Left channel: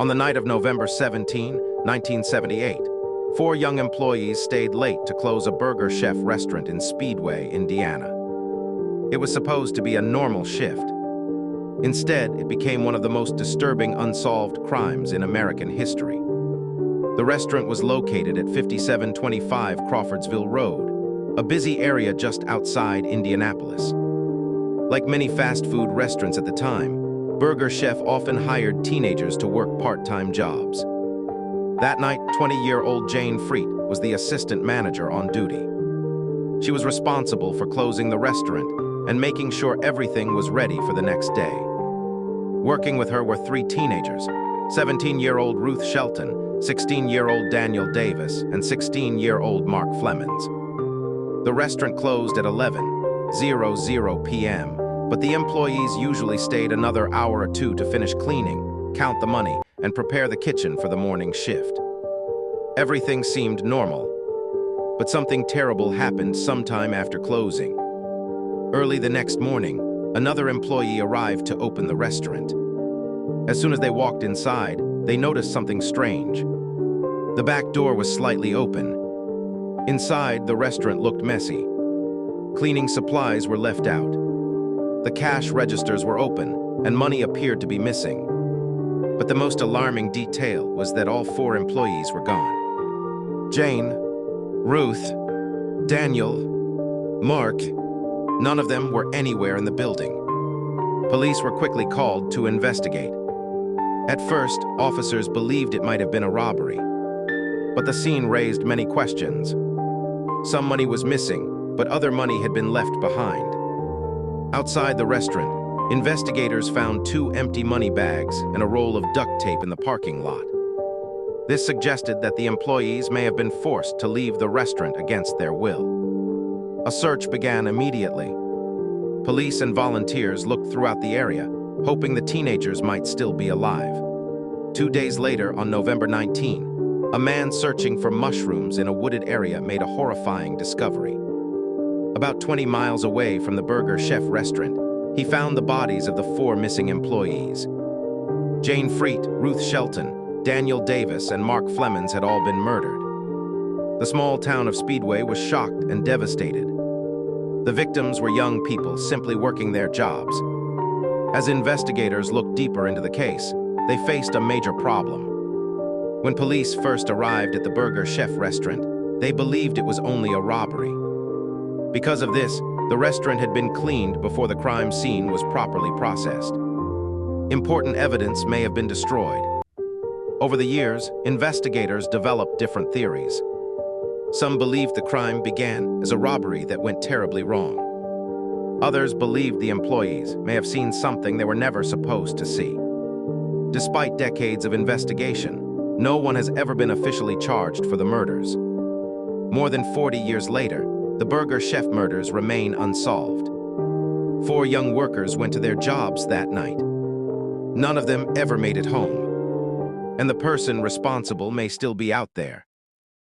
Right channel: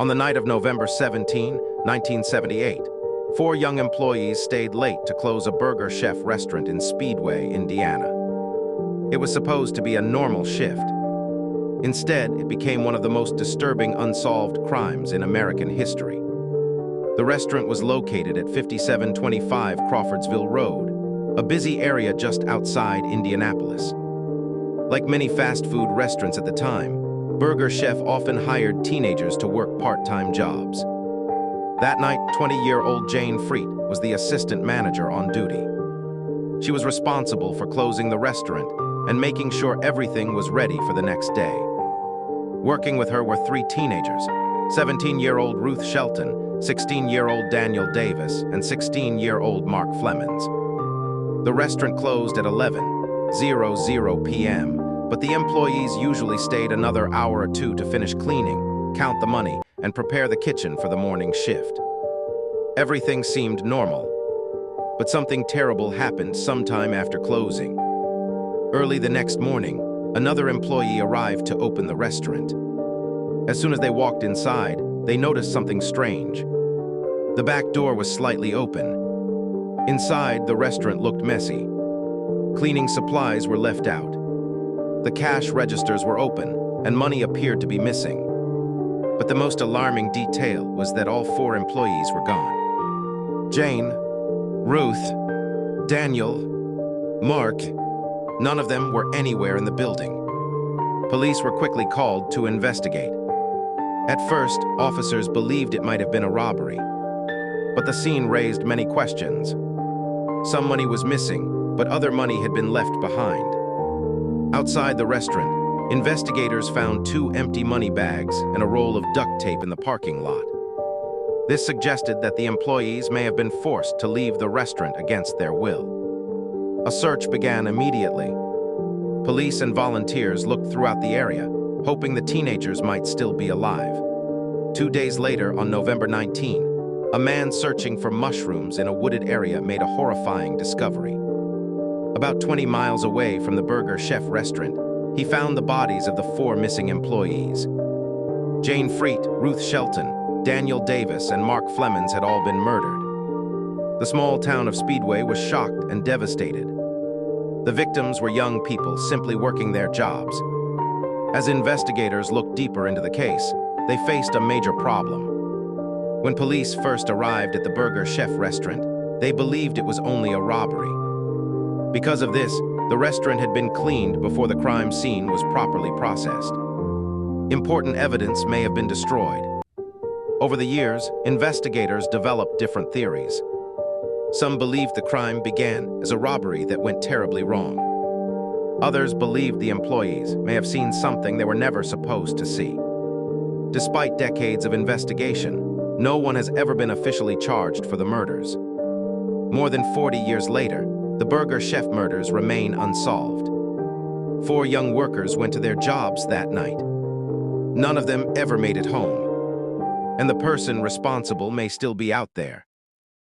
On the night of November 17, 1978, four young employees stayed late to close a Burger Chef restaurant in Speedway, Indiana. It was supposed to be a normal shift. Instead, it became one of the most disturbing unsolved crimes in American history. The restaurant was located at 5725 Crawfordsville Road, a busy area just outside Indianapolis. Like many fast food restaurants at the time, Burger Chef often hired teenagers to work part-time jobs. That night, 20-year-old Jayne Friedt was the assistant manager on duty. She was responsible for closing the restaurant and making sure everything was ready for the next day. Working with her were three teenagers: 17-year-old Ruth Shelton, 16-year-old Daniel Davis, and 16-year-old Mark Flemmonds. The restaurant closed at 11:00 p.m., but the employees usually stayed another hour or two to finish cleaning, count the money, and prepare the kitchen for the morning shift. Everything seemed normal, but something terrible happened sometime after closing. Early the next morning, another employee arrived to open the restaurant. As soon as they walked inside, they noticed something strange. The back door was slightly open. Inside, the restaurant looked messy. Cleaning supplies were left out. The cash registers were open, and money appeared to be missing. But the most alarming detail was that all four employees were gone. Jayne, Ruth, Daniel, Mark, none of them were anywhere in the building. Police were quickly called to investigate. At first, officers believed it might have been a robbery, but the scene raised many questions. Some money was missing, but other money had been left behind. Outside the restaurant, investigators found two empty money bags and a roll of duct tape in the parking lot. This suggested that the employees may have been forced to leave the restaurant against their will. A search began immediately. Police and volunteers looked throughout the area, hoping the teenagers might still be alive. 2 days later, on November 19, a man searching for mushrooms in a wooded area made a horrifying discovery. About 20 miles away from the Burger Chef restaurant, he found the bodies of the four missing employees. Jayne Friedt, Ruth Shelton, Daniel Davis, and Mark Flemmonds had all been murdered. The small town of Speedway was shocked and devastated. The victims were young people simply working their jobs. As investigators looked deeper into the case, they faced a major problem. When police first arrived at the Burger Chef restaurant, they believed it was only a robbery. Because of this, the restaurant had been cleaned before the crime scene was properly processed. Important evidence may have been destroyed. Over the years, investigators developed different theories. Some believed the crime began as a robbery that went terribly wrong. Others believed the employees may have seen something they were never supposed to see. Despite decades of investigation, no one has ever been officially charged for the murders. More than 40 years later, the Burger Chef murders remain unsolved. 4 young workers went to their jobs that night. None of them ever made it home, and the person responsible may still be out there.